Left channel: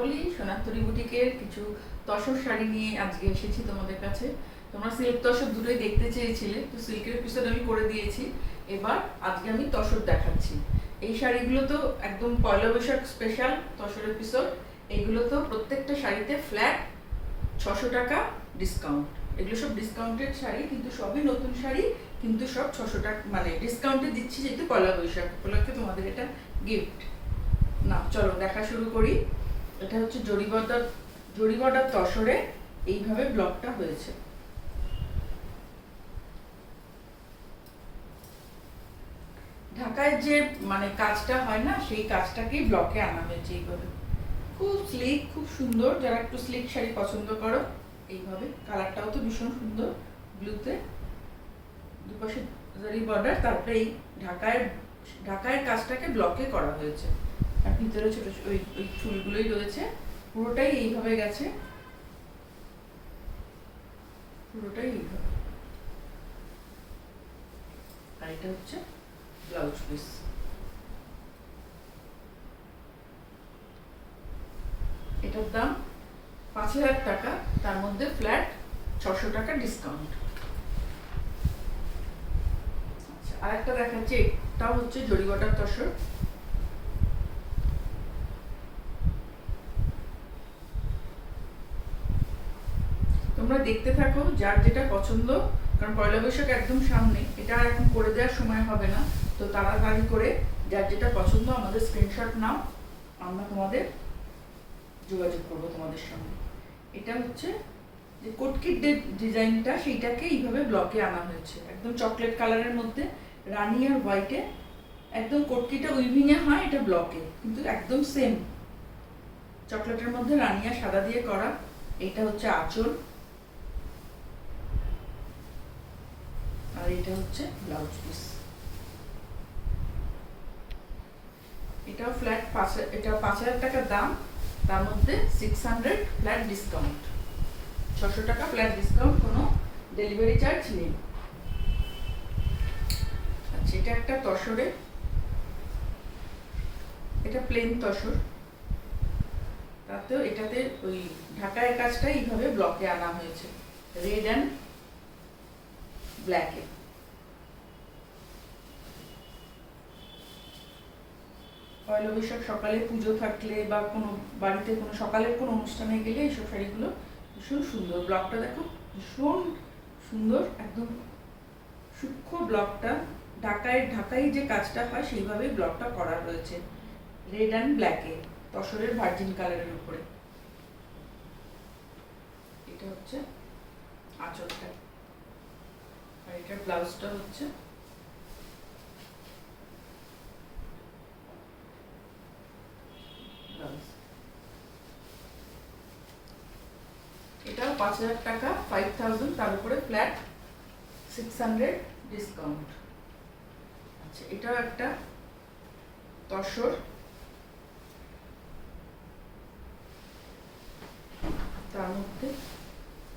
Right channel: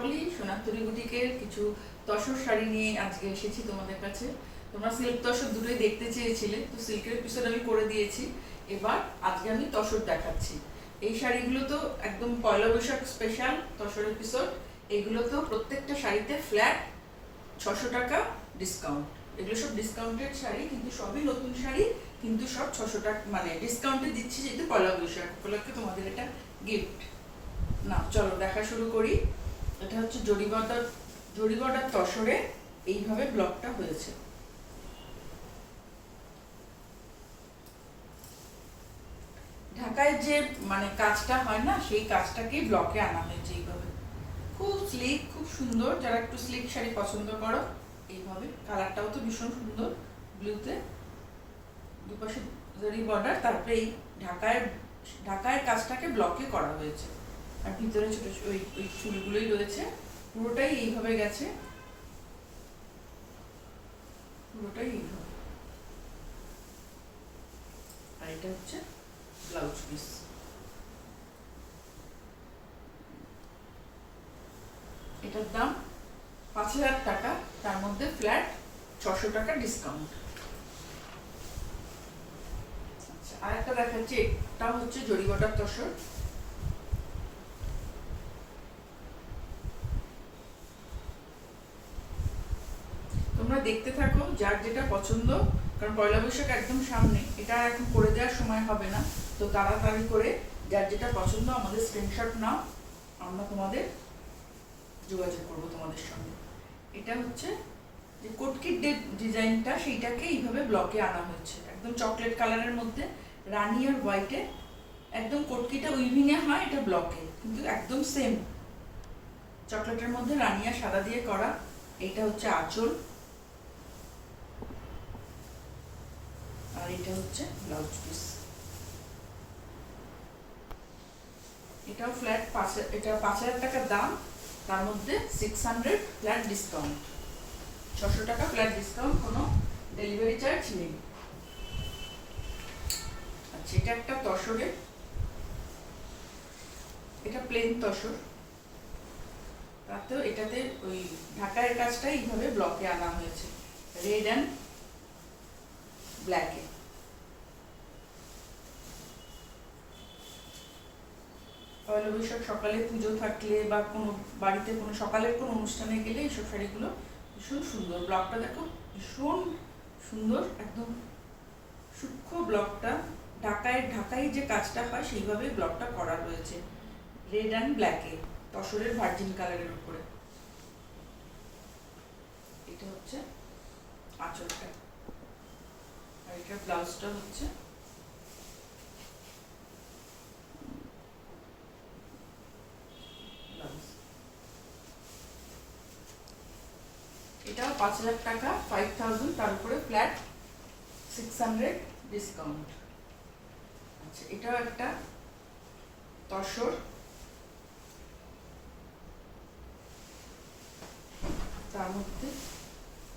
সকলেই সোনারতরী বুটিকের কিছু তসর শাড়ি নিয়ে আজকে এসেছি তোমাদের কাছে। তোমরা সিল্ক তসর দুটোই দেখতে চেয়েছিলে, তো সিল্কের এপিসোড আমি করে দিয়েছি। এবার আজকে আমি তসর দেখাচ্ছি। এই শাড়িগুলো তো একদম পয়লা বৈশাখ স্পেশাল তসর এপিসোড। এগুলো তো প্রত্যেকটা শাড়িতে ফ্ল্যাট 600 টাকা ডিসকাউন্ট। এগুলো সব ডিসকাউন্টেড শাড়ি, কিন্তু সবই নতুন শাড়ি, কিন্তু সব 600 টাকা মানে ডিসকাউন্টে দিচ্ছি, যেহেতু পয়লা বৈশাখ উপলক্ষে তোমাদের এটা গিফট। না চলো দেখা শুরু করি। এটা হচ্ছে জরি বর্ডার তসরে এইভাবে ব্লকটা হয়েছে। ঢাকায় যে মানে কাজটা হয় না, সেই কাজটাকেই ব্লকে আনা হয়েছে এইভাবে। খুব স্লিক, খুব সুন্দর। যারা একটু স্লিক শাড়ি পছন্দ করো, এইভাবে কালারটাও তো ভীষণ সুন্দর, ব্লুতে দুপাশে জরি বর্ডার, তারপরে এই ঢাকায় কাজটাকে ব্লকে করা হয়েছে। আর ভিতরে ছোট ওই ফুলগুলোই রয়েছে। পুরোটাই এইভাবে গেছে, পুরোটাই এইভাবে। আর এটা হচ্ছে ব্লাউজ পিস। এটার দাম 5000 টাকা, তার মধ্যে ফ্ল্যাট 600 টাকা ডিসকাউন্ট। আচ্ছা, আর একটা দেখাচ্ছি। এটাও হচ্ছে জরি বর্ডার তসর। তোমরা দেখতে থাকো, যার যেটা পছন্দ, কারণ পয়লা বৈশাখ একদম সামনে, এটা এখন করে দেওয়ার সময় হবে না। তো তাড়াতাড়ি করে যার যেটা পছন্দ আমাদের স্ক্রিনশট নাও, আমরা তোমাদের যোগাযোগ করবো তোমাদের সঙ্গে। এটা হচ্ছে যে কোটকির ডিজাইনটা, সেইটাকে এইভাবে ব্লকে আনা হয়েছে, একদম চকলেট কালারের মধ্যে রানি আর হোয়াইটে। একদম কোটকিটা উইভিংয়ে হয়, এটা ব্লকে, কিন্তু একদম সেম চকলেটের মধ্যে রানি আর সাদা দিয়ে করা। এইটা হচ্ছে আঁচল, আর এটা হচ্ছে ব্লাউজ পিস। এটাও ফ্ল্যাট এটা 5000 টাকার দাম, তার মধ্যে 600 ফ্ল্যাট ডিসকাউন্ট। 600 টাকা ফ্ল্যাট ডিসকাউন্ট, কোনো ডেলিভারি চার্জ নেই। আচ্ছা, এটা একটা তসরে, এটা প্লেন তসর, তাতেও এটাতে ওই ঢাকায় কাজটা এইভাবে ব্লকে আনা হয়েছে, রেড অ্যান্ড ব্ল্যাকে। পয়লা বৈশাখ সকালে পুজো থাকলে বা কোনো বাড়িতে কোনো সকালের কোনো অনুষ্ঠানে গেলে এইসব শাড়িগুলো ভীষণ সুন্দর। ব্লকটা দেখো, ভীষণ সুন্দর, একদম সূক্ষ্ম ব্লকটা। ঢাকায় যে কাজটা হয় সেইভাবেই ব্লকটা করা রয়েছে, রেড অ্যান্ড ব্ল্যাকে, তসরের ভার্জিন কালারের উপরে। এটা হচ্ছে আঁচলটা, আর এটা ব্লাউজটা হচ্ছে ব্লাউজ। এটাও 5000 টাকা, 5000, তার উপরে ফ্ল্যাট 600 ডিসকাউন্ট। আচ্ছা, এটাও একটা তসর, তার মধ্যে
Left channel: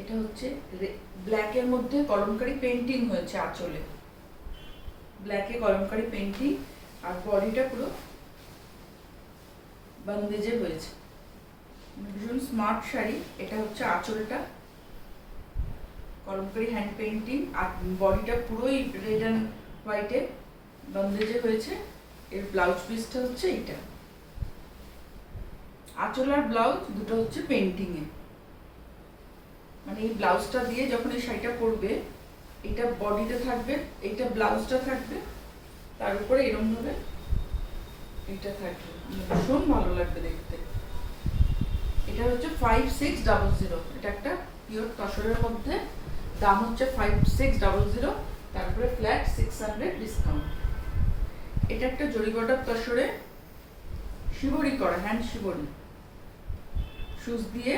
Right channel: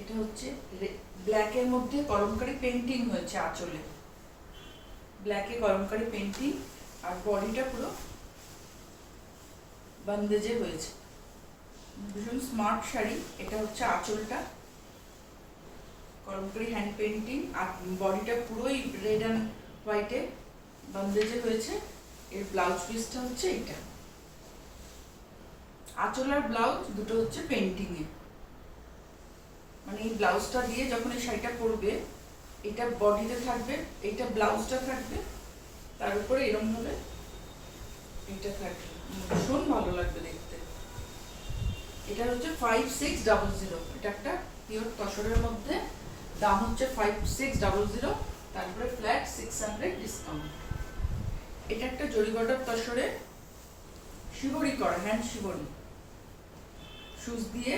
এটা হচ্ছে ব্ল্যাকের মধ্যে কলমকারি পেন্টিং হয়েছে আঁচলে, ব্ল্যাকে কলমকারি পেন্টিং, আর বডিটা পুরো বন্দেজে হয়েছে। ভীষণ স্মার্ট শাড়ি। এটা হচ্ছে আঁচলটা, কলমকারি হ্যান্ড পেন্টিং, আর বডিটা পুরোই রেড অ্যান্ড হোয়াইটে বন্দেজে হয়েছে। এর ব্লাউজ পিসটা হচ্ছে এটা। আঁচল আর ব্লাউজ দুটো হচ্ছে পেন্টিংয়ে, মানে এই ব্লাউজটা দিয়ে যখন এই শাড়িটা পরবে, এটা বডিতে থাকবে, এইটা ব্লাউজটা থাকবে, তার উপরে এরকম ভাবে এটা থাকবে, ভীষণ ভালো লাগবে দেখতে। এটা হচ্ছে 5600, এটা একটা পিওর তসরের মধ্যে, দাম হচ্ছে 5600, তারপরে ফ্ল্যাট 600 ডিসকাউন্ট। এটা একটা জরি বর্ডার তসরে শিবরি করা, হ্যান্ড শিবরি, সুচ দিয়ে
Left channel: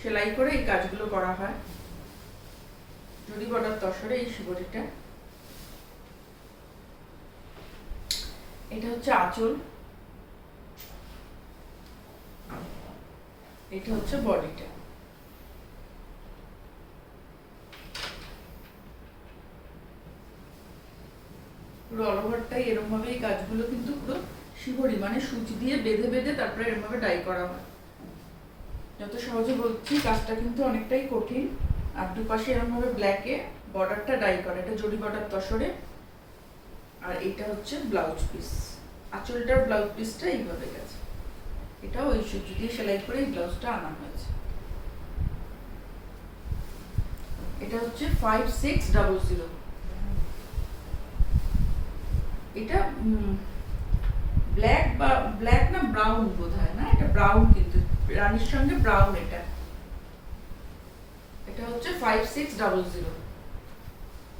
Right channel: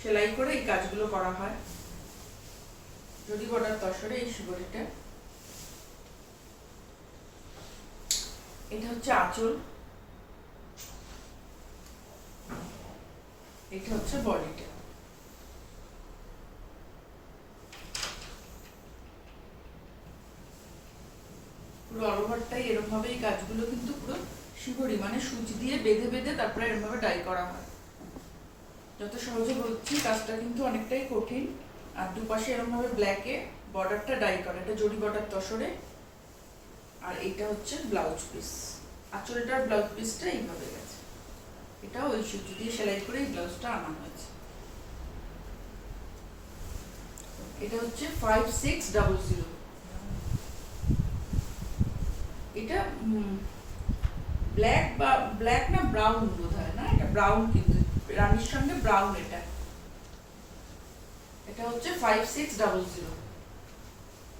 সেলাই করে এই কাজগুলো করা হয়। জরি বর্ডার তসরে এই শিবরিটা। এটা হচ্ছে আঁচল, এটা হচ্ছে বডিটা। পুরো অল ওভারটাই এরকম ভাবে এই কাজগুলো কিন্তু পুরো শিবরি, মানে সুচ দিয়ে বেঁধে বেঁধে তারপরে এরকম ভাবে ডাই করা হয়। যত সহজে বলছি, কাজটা কিন্তু অনেকটাই কঠিন। আর দুপাশে এরকম ভাবে ব্ল্যাকে বর্ডারটা ডাই করা, এটা জরি বর্ডার তসরে। আর এটা হচ্ছে ব্লাউজ পিস, আঁচলটার ব্লাউজ পিসটা এইভাবে গেছে। এটাও ওই সুজি দিয়ে সেলাই করে এই ব্লাউজটা আনা হয়েছে। এটা হচ্ছে 5600। এটা ব্ল্যাক না ব্রাউন বোধহয়, না এটা ব্রাউন, কিন্তু রানীর সঙ্গে ব্রাউন। এটা হচ্ছে 5600,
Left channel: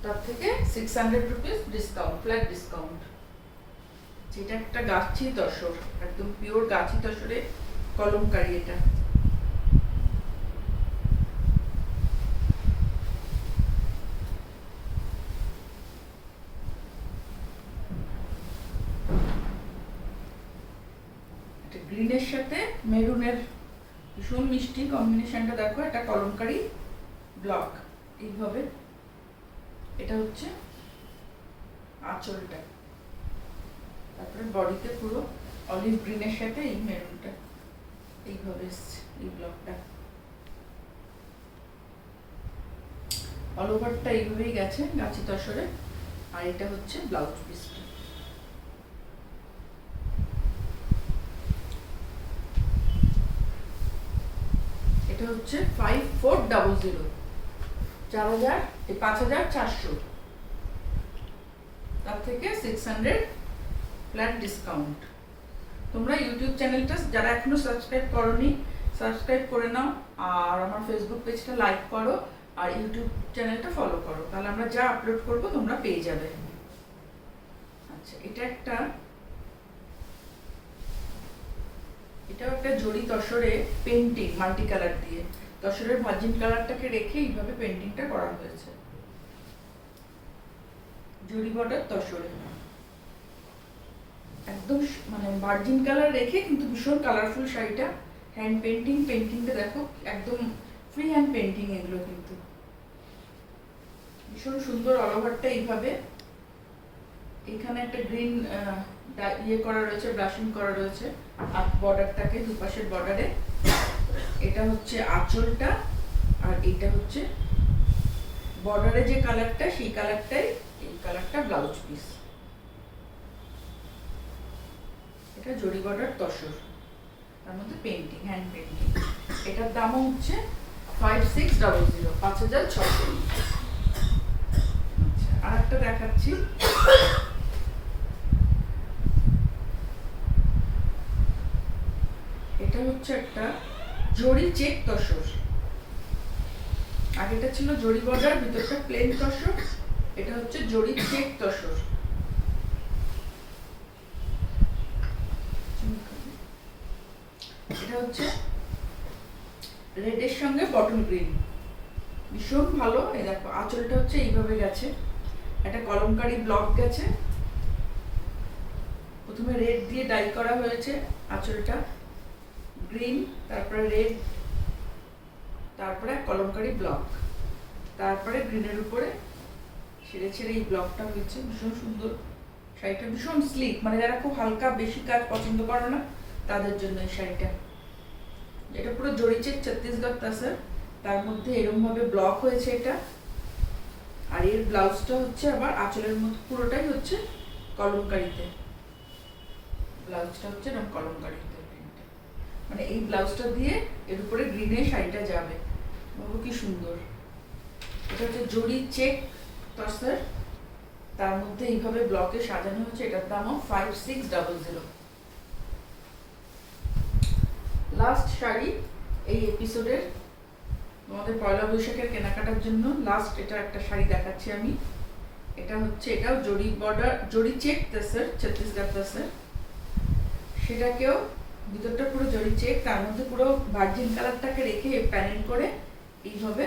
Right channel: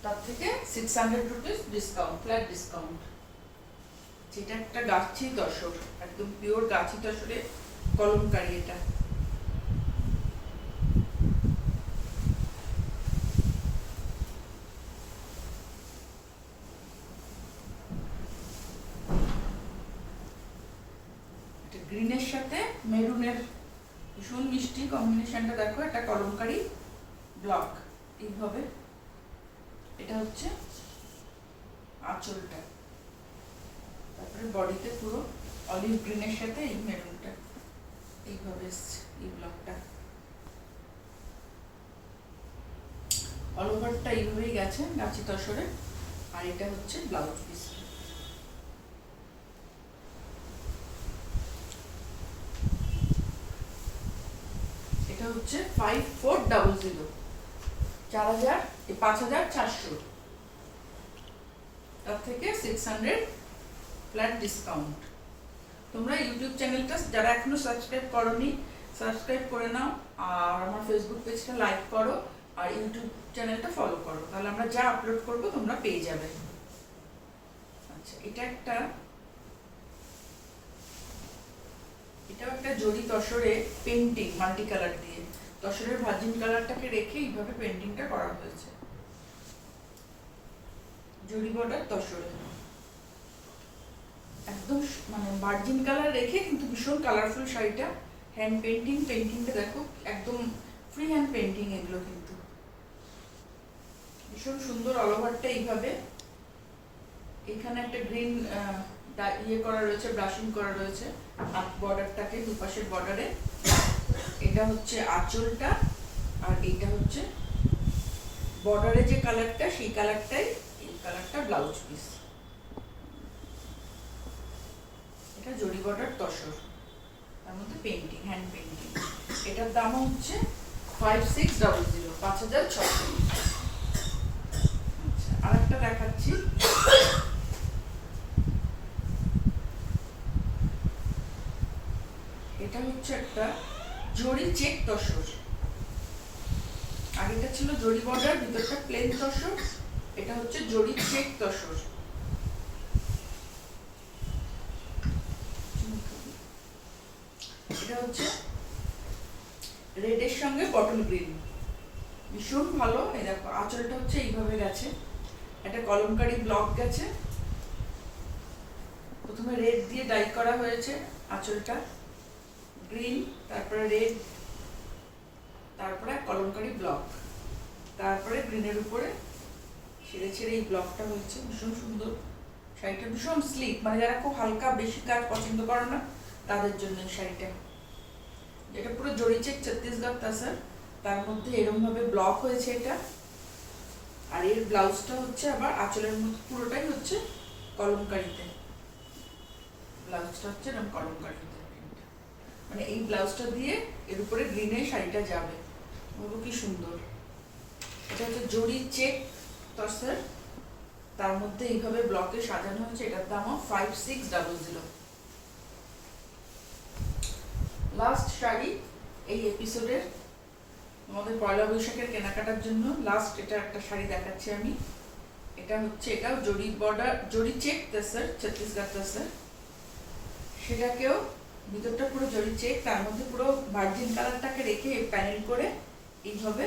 তার থেকে 600 রুপিস ডিসকাউন্ট, ফ্ল্যাট ডিসকাউন্ট। যেটা একটা গাছি তসর, একদম পিওর গাছি তসরে কলমকারি। এটা গ্রিনের সাথে মেরুনের ভীষণ মিষ্টি কম্বিনেশনটা দেখো। একটা কলমকারি ব্লক এইভাবে। এটা হচ্ছে আঁচলটা, তারপরে বডিতে পুরো অলিভ গ্রিনের সাথে এই মেরুনটা এইভাবে এসছে, এই ব্লকটা অল ওভারটা এইভাবেই গেছে গাছি তসরে। আর এটা হচ্ছে ব্লাউজ পিসটা। এটা হচ্ছে 5400, 5400, তার থেকে 600 ফ্ল্যাট ডিসকাউন্ট। তোমরা ইউটিউব চ্যানেলটা যারা এখনো সাবস্ক্রাইব করোনি, সাবস্ক্রাইব করে নাও। আর আমার ফেসবুক পেজটা লাইক করো, আর ইউটিউব চ্যানেলটা ফলো করো, তাহলে আমরা যা আপলোড করবো তোমরা পেয়ে যাবে। আচ্ছা, এটাও একটা জরি তসরে পেন্টিং, মাল্টি কালার দিয়ে তসরের ভার্জিন কালারটাকে রেখে এইভাবে পেন্টিংটা করা হয়েছে। জরি বর্ডার তসরে একদম মানে ভার্জিন কালার রেখে, কিন্তু ভীষণ কালারফুল শাড়িটা। হ্যান্ড পেন্টিংটা দেখো, একদম ফ্রি হ্যান্ড পেন্টিং এগুলো, কিন্তু ভীষণ সুন্দর। অল ওভারটা এইভাবে, এখানে একটা গ্রিন ইয়ে করা রয়েছে, ব্রাশিং করা রয়েছে আর বর্ডারটাকে, দুপাশের বর্ডারে। এটা হচ্ছে আঁচলটা, আর এটা হচ্ছে বর্ডারে যে কালারটা, সেই কালারটাই, এই কালারটা ব্লাউজ পিস। এটা জরি বর্ডার তসর, তার মধ্যে পেন্টিং, হ্যান্ড পেন্টিং। এটার দাম হচ্ছে 5600, 5600। আচ্ছা, আর একটা দেখাচ্ছি। এটা হচ্ছে একটা জরি চেক তসর। আগেটা ছিল জরি বর্ডার, ভিতরটা প্লেন তসর। এটা হচ্ছে জরি চেক তসর। এটা হচ্ছে রেডের সঙ্গে বটল গ্রিন, ভীষণ ভালো। এই দেখো, আঁচলটা হচ্ছে এইভাবে গেছে, একটা কলমকারি ব্লক গেছে। প্রথমে রেড দিয়ে ডাই করা হয়েছে আঁচলটা, গ্রিন, তারপরে রেড, তারপরে কলমকারি ব্লক, তারপরে গ্রিনের উপরে ছেড়ে ছেড়ে এই ব্লকটা হয়েছে। ভীষণ সুন্দর শাড়িটা, ভীষণ স্লিক, মানে যারা খুব হালকা বেশি কাজ পছন্দ করে না তাদের জন্য এই শাড়িটা। এটা পুরো জরি চেক ছত্তিশগড় তাসার, তার মধ্যে এরকম ভাবে ব্লক হয়েছে এটা। আর এর ব্লাউজটা হচ্ছে আবার আঁচলের মতো পুরোটাই হচ্ছে কলমকারিতে। ব্লাউজটা হচ্ছে এরকম কলমকারিতে, মানে এই ব্লাউজটা দিয়ে এর উপরে গ্রিনে শাড়িটা যাবে। বলবো কি সুন্দর। এটা হচ্ছে জরি চেক তসর, তার মধ্যে এইভাবে ব্লকে সাজানো হচ্ছে। এটার দামও 5600। লাস্ট শাড়ি এই এপিসোডের, আমাদের পয়লা বৈশাখের কেনাকাটার জন্য লাস্ট এটা একটা শাড়ি দেখাচ্ছি আমি। এটা হচ্ছে, এটাও জরি বর্ডার, জরি চেক তসর, ছত্তিশগড় তসর। সেটাকেও ভিতরটা পুরো জরি চেক, তার মধ্যে পুরো ভার্জিন কালারটাকে রেখে প্যানেল করে এইভাবে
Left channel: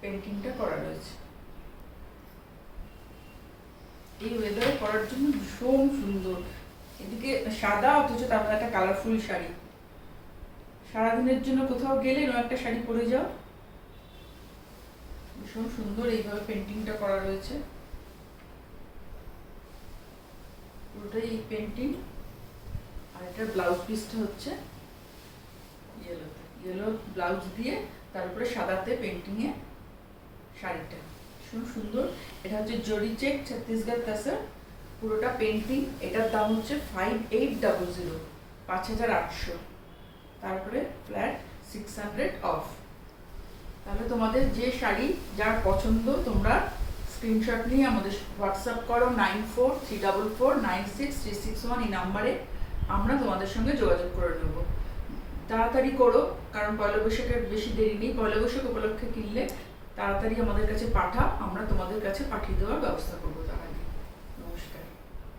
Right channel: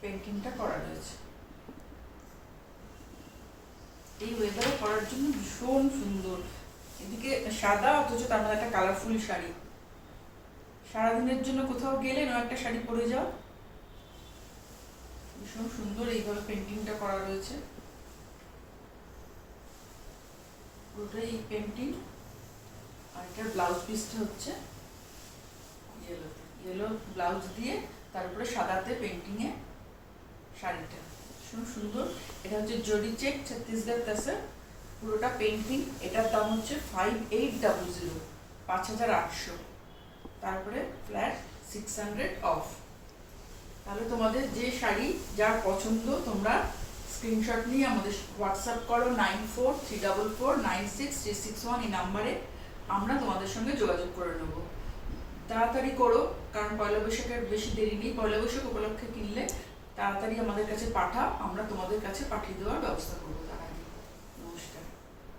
পেন্টিংটা করা রয়েছে। এই ওয়েদারে পরার জন্য ভীষণ সুন্দর। এদিকে সাদা, অথচ তার মধ্যে একটা কালারফুল শাড়ি। সারাদিনের জন্য কোথাও গেলে এরকম একটা শাড়ি পরে যাও, ভীষণ সুন্দর। এইভাবে পেন্টিংটা করা রয়েছে, পুরোটাই এই পেন্টিং। আর এটার ব্লাউজ পিসটা হচ্ছে ইয়েলোতে, গেল ব্লাউজ দিয়ে, তারপরে সাদাতে পেন্টিংয়ে শাড়িটা ভীষণ সুন্দর। এটা হচ্ছে জরি চেক ছত্তিশগড় কাসার, পুরোটা পেন্টিং। এটার দাম হচ্ছে 5800, 5800, তারপরে ফ্ল্যাট 600 অফ। তাহলে তোমাদের যে শাড়ি যার পছন্দ তোমরা স্ক্রিনশট নিয়ে আমাদের হোয়াটসঅ্যাপ করো 9434496361 এই নাম্বারে, আমরা তোমাদের সঙ্গে যোগাযোগ করে নেব। তাড়াতাড়ি করো, কারণ পয়লা বৈশাখের বেশি দেরি নেই। পয়লা বৈশাখ উপলক্ষে কিনলে তাড়াতাড়ি আমাদের কাছে পাঠাও, আমরা তোমাদের কাছে পাঠিয়ে দেওয়ার ব্যবস্থা করবো।